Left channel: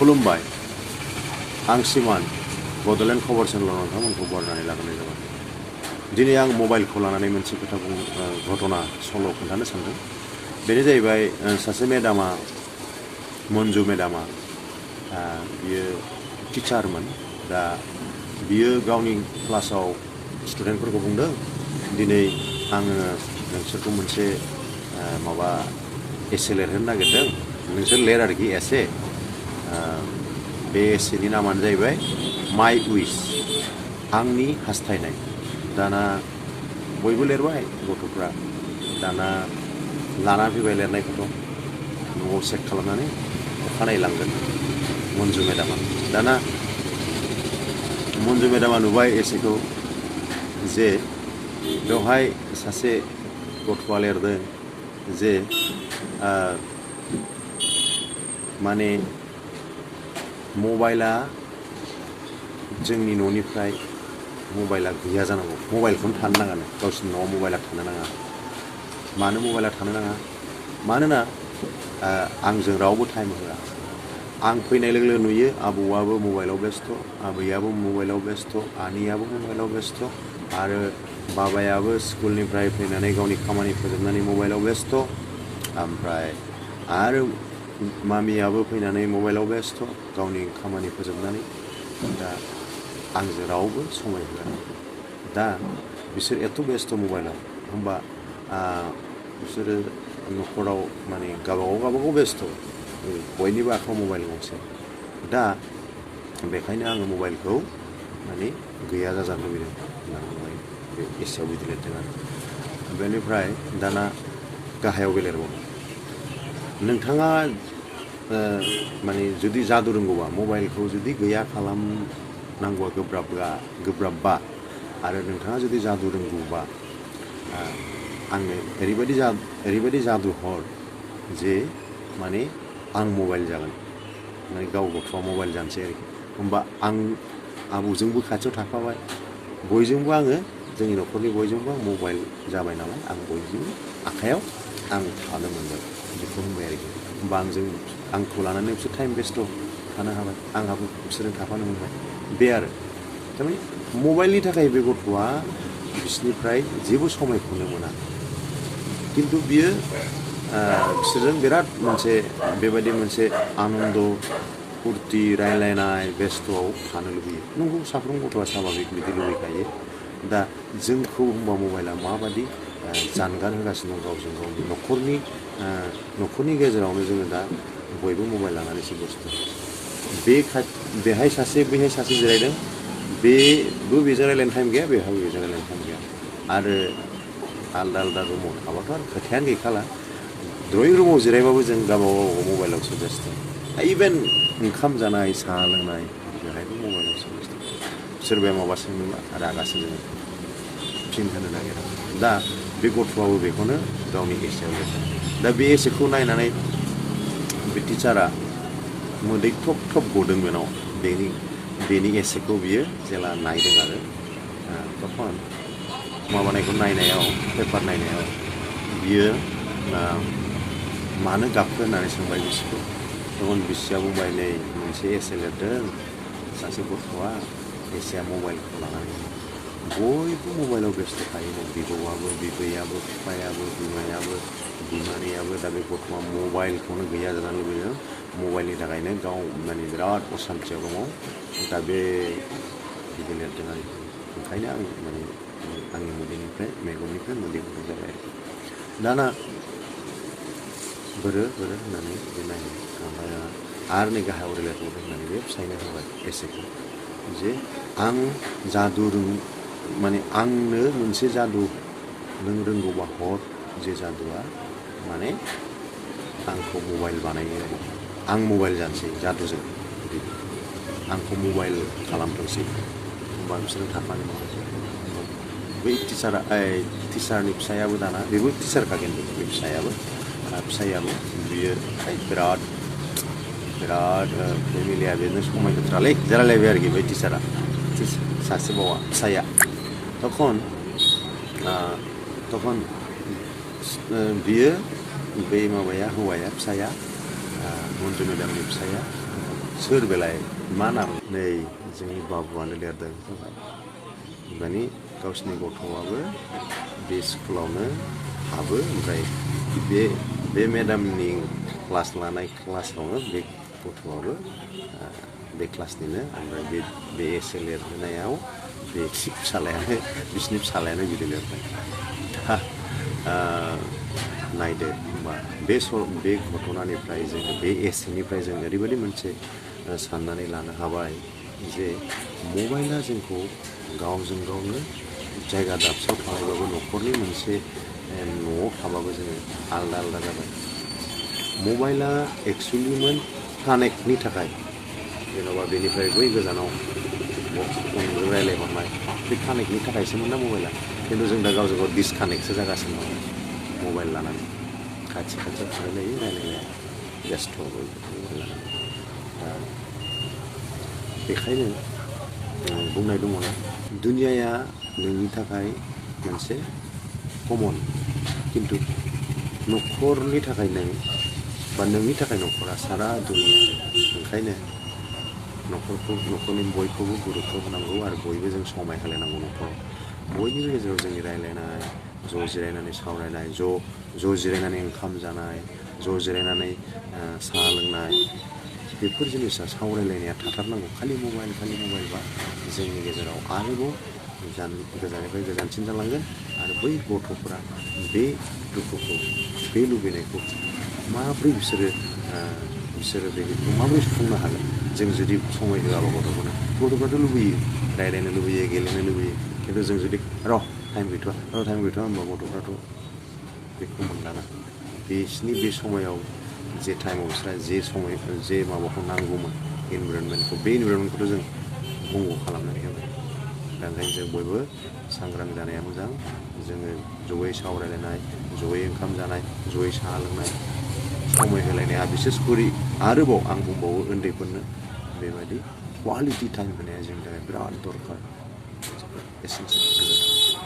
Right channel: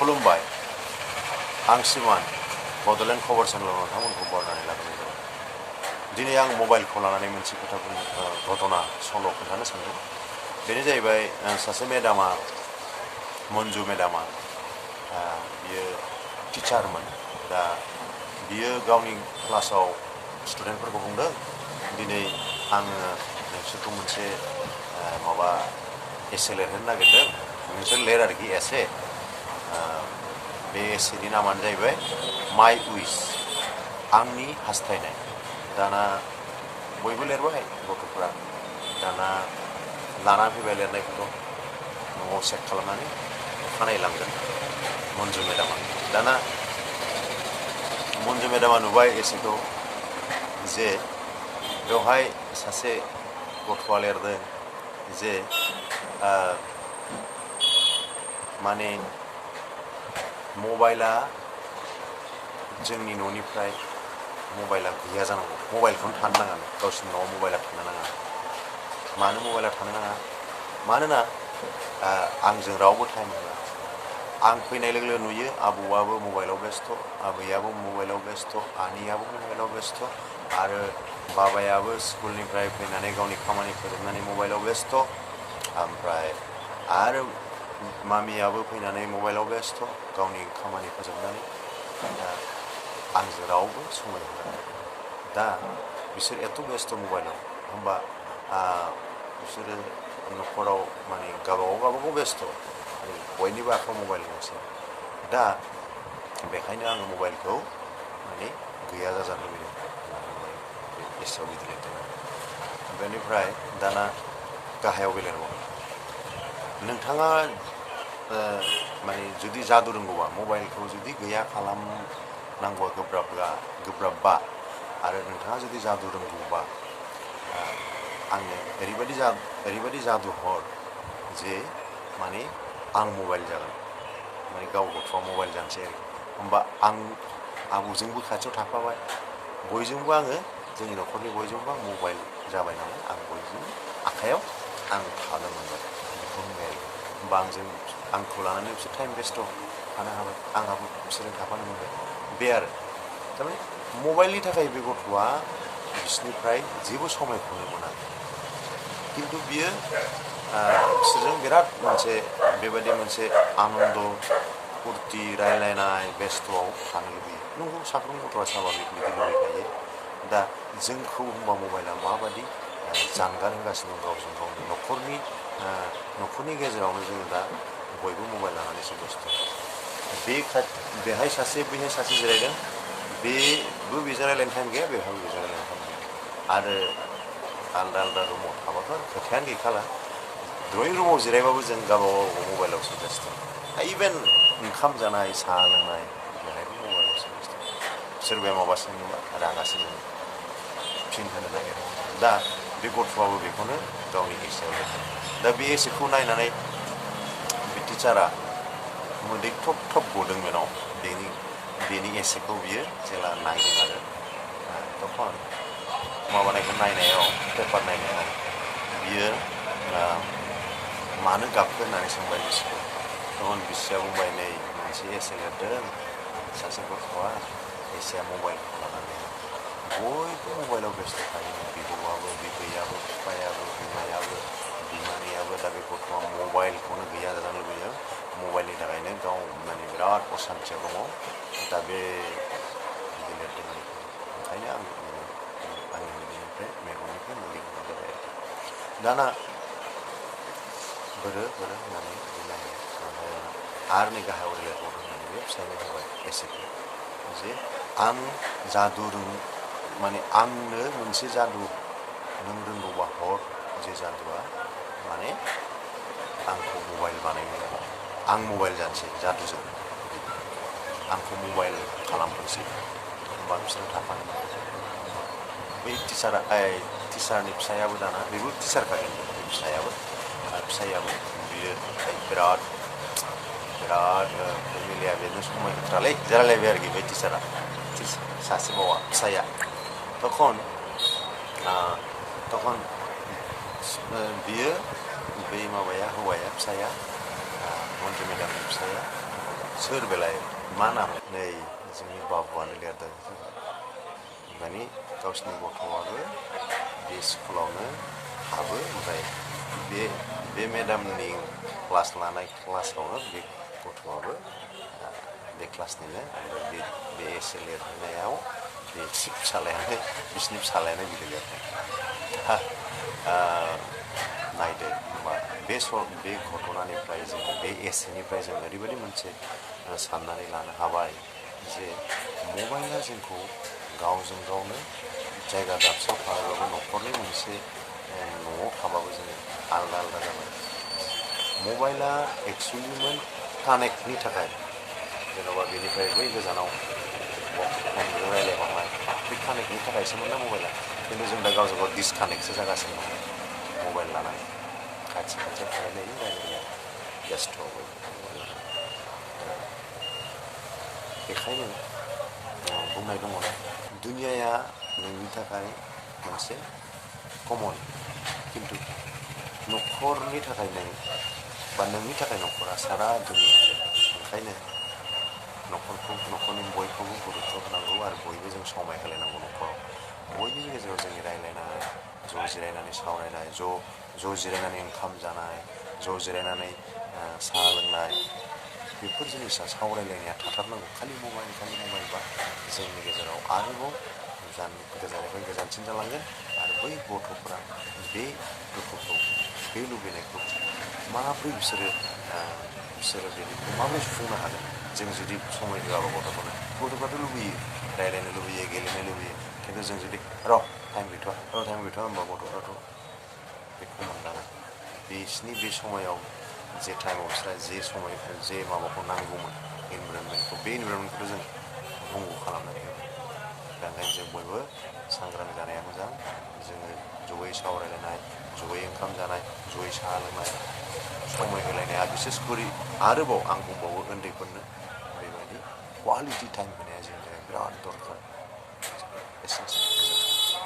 खुलुमबाय आं सिमान बड'लेण्ड खबर चेनेलाव नोंथांमोनखौ बरायनानै लाबोनाय जाबाय। दिनै आं मबाइलखौ लानानै मोनसे खोथा घटना सल' खोन्थानो सानदों। बेनो जाहैबाय सासे मेडामा मन्जु मेडामा बियो टिचारमोन। दा बियो गावनि क्लासाव स्टुडेन्टफोरखौ बुंदों दिनै आङो नोंसोरखौ मोनसे माबा एसे लिरहोनो नागिरदों, नोंसोर लिर आरोखि एसे। बे एसेनि नामानो जाहैबाय माइ उइस, आंनि हास्थायनाय। दाना बयबो लिरबाय गथ'फ्रा। दाना लानानै फैबाय लिरनायखौथ' न'आव चेक खालामनानै अखानायै लांगोन मन्जु मेडामा। दाना मन्जु मेडामा नुबाय एसेखौ जे बेवहाय सासे गथ'आ लिरदों जे माने मबाइला जोंनि न'निफ्राय मबाइला गैया जानांगौ, मबाइलखौनो थानो नाङा, गावसिनि न'आव मबाइला थानो नाङा। मानो मबाइला थानो नाङा? मानोना आंजों रावबो टाइम होआ। आं फैनाय लोगो लोगो नुयो आबौआबो मबाइलाव बेस्थ', आबैयाबो मबाइलाव बेस्थ', आनैयाबो मबाइलाव बेस्थ', आरो बाबायाबो स्कुलनिफ्राय फैनानै गावनि खामानि फोजोबनानै मबाइलाव बेस्थ', ओमफ्राय आरो मामियाबो फैनानै मबाइलाव बेस्थ' गावनि खामानि फोजोबनानै। दा आंजों रावबो समाय होआ। दा बिसोर एथ' बेस्थ' मबाइलाव, होमबा बिसोरो न'खराव माने गावबागाव बेस्थ', बयनिबो आखायाव मबाइल गंसे। दा बेखायनो आङो मबाइलखौ माने गैया जाजानो लुबैदों होननानै बे एसेयाव बिदि लिरदों आरो। बेनिफ्राय दाना गाहायाव बे लिरबावो, नोंथाङा माने जुदि जादु रोंगौबा, मबाइलखौ जुदि गैया खालामनांगौआ गोब्राबबा आरो नोंथाङा जुदि जादु रोंगौबा आंनो ओरैबायदि जादु हर जे माने आं मबाइल जागोन, माने गाव गथ'आ मबाइल जानोसै आरोखि। होमबा आं आबौजोंबो खाथियाव थाफाबाय, बयजोंबो आङो, जोंनि न'खरनि बयजोंबो आं मबाइल जाबाय नालाय, आं बयजोंबो आखायाव आं थानो मोनबाय, बेखौ होनबाय आरोखि। होमबा आंखौ लानानै बिसोर टाइम बेस्थ' थानो हाबाय, आंहाबो बिसोरजों थाफानो मोनबाय। बे आरो थारमाने मबाइलनि थाखाय बे गथ'आ बिसोरनिफ्राय जेबो समायखौनो मोना, खिन्थु बियो बिसोरजों बिराद बेबायदि मोनसे आनन्द फुरथि रायलायनाय बेस्थ'आव थानो लुबैयो। नंगौ, साफ्रोम गथ'आ स्वाभाबिक बिदि लुबैखायो। दा जोंखौ होमबा मबाइला माबादि जानगार होगासिनो दं गावजों गावनि न'खरनि गेजेरावनो जोङो दा बयबो मबाइल लानानैसो बेस्थ'। बेहाय सासे बैहाय सासे जिरायदों, बेबो बेजों रायलायनो टाइम गैया, बेहाबो बेजों रायलायनो टाइम गैया। आरो आलदा रुमाव थाबाथ' आरो खोथायानो गैखाला। ड्रयिं रुमाव जिरायबाबो जों गावबागाव मबाइलावसो बेस्थ'। इभेन ओंखाम जानाय, साहा लोंनाय, बेहायबो मबाइलावसो बेस्थ'। सोरबाया माबा सोङोबा रागा जोङो, फिन होनो नागिरो। दा बे गथ'आबो बेखौनो गावनि एसेयाव लिरदों। दा बे एसेखौ नायनानै बे टिचारा मोदै थब थब गदों बेनाव। बेनि एसेखौ बियो जेला नायदों आरो तखन माबानायखौ नायनायाव, पेपार नायनायाव बियो मानो गाबखो होननानै सोंबाय बिसिखौ। तखन बिसिया बुंबाय, नै मोनसे एसे लिरदों सासे गथ'आ, एसेया मबाइलखौ लानानै। बयबो मबाइलाव बेस्थ' थायो, बिबौआबो, बिबैयाबो, बिफायाबो, बिमायाबो, बिमानैयाबो। दा बे गथ'आ मबाइलखौनो गैया जानो लुबैदों, मबाइलनि थाखायनो गाव माने बिराद असान्थियाव दङ। दा बे बिदि लिरदों आरोखि। ओंखायनो आं माने आंनि मेगननिफ्राय मोदै गनाय जाबाय आरोखि। दाना बोरो होननानै बे नायो, ओमफ्राय आरो नै गाहायाव लिरबावदों होननानै बे फिसायनो होबाय एसेखौ, जे आं जादु माने आंनो मोनसे जादु नों रोंगौबा हर, जे जादुआ माने आंखौ मबाइल बानायो आरोखि। आं मबाइल जानोसै जादुजों, आंखौ मबाइल खालामथोंसै, होमबा बिसोरजों थाफानो मोनगोन। बै टिचारनि फिसायाबो दाना, बेबो टिचारखा खिन्थु बे फिसायाबो बियो बिराद फेमिलिया बेजों समाय होथ्रालै जालायलायबाय आरोखि बै टिचारा, सासे बावा फिसाया। तखन बियो बै हौवाया फिसाया, मन्जु मेडामनि फिसाया सोर बेलाय मा नाम नै जोंनि बाबुआनो लिरदों माने गावसिनि गथ'आबो बे स्कुलावनो हाबो ओमफ्राय बे मेडामनि क्लास लानाय क्लासावनो बे गथ'आबो बे क्लासनिनो ओमफ्राय बे एसे लिरहोनायाव बे फिसालायानो बिसिनि फिसालायानो बिदि लिरदों दा नायदो होमबा बे घटनानिफ्राय जोङो बे एसेनिफ्राय जों ओरैबायदि मोनसे साननानै लानो हाबाय जे मबाइला जोंखौ गावजों गावनो जायगा दाबसेयाव थानायबाबो न'खरनि मोनसे न'आव थाबाबो जोङो आलदा आलदा जाबाय मबाइला एक्सुवेलिमोन कानेक्टनि थाखाय जेन'बा बेनिफ्राय बै गोजानाव फनजों रायलायहरनाय बे कानेक्टनि थाखायसोमोन ना मबाइला खिन्थु जों दा गावजों गाव डिसकानेक्टसो जागासिनो दं मबाइल लानानै खाथि खाथियाव थालायलायो रायलायलाया बेस्थ' मबाइल लानानै दा बेखायनो बुंनाय दङ ना दुनियाया नोंनि थाखाय मोनसे कमन खिन्थु न'खरनि थाखाय नों बा नोंनि थाखाय न'खरा सारा दुनिया ओंखायनो न'खरनि बयखौबो गुरुत्व होनांगौ आरो बयबो जों समाय होलायनांगौ न'खराव बयनिबो गेजेराव जोंनि रायलायनाय ज' जिरायनानै सावरायनाय ज' जिरायनानै ओंखाम जानाय ज' जिरायनानै साहा लोंनाय बेफोर जिनिसा सावरायलायनाया थाथारनांगौ खालि मबाइल बा जोंनि गेजेराव आरोबाव गोजाननिफ्राय गोजानसिन जालांगोन आरो बै गथ'फोरा बे दुखुखौ बे लुबैनायखौ माब्रै बिसोरो बेखौ माबोरै सुफुंनो हागोन जों जुदि समाय होआबा गथ'फ्राथ' लुबैयो रायलायनो लुबैयो गेलेनो लुबैयो खिन्थु जों जुदि टाइम गैथ'वा होनबा गथ'फ्राथ' बेखौ मोनदाङा बिसिनि बे समायाव जे टाइमाव बिस्रा जे माबाखौ नांगौमोन इनभाइरनमेन्टखौ बे इनभाइरनमेन्टखौथ' जों बंग' खालामनानै होबाय दा ओंखायनो जों बयबो सांग्रां जानाया मोजां जोङो जयै सावरायलायनाय जयै ओंखाम जानाय जयै साहा लोंनाय समाय होलायनाया बिसेसकरि आरोबाव आं बुंबावो उन्दैफोरनो बेबायदि क्वालिटि टाइम होनाया जोंनि थाखाय बिराद दरखार एसेनोसै गोजोन्थों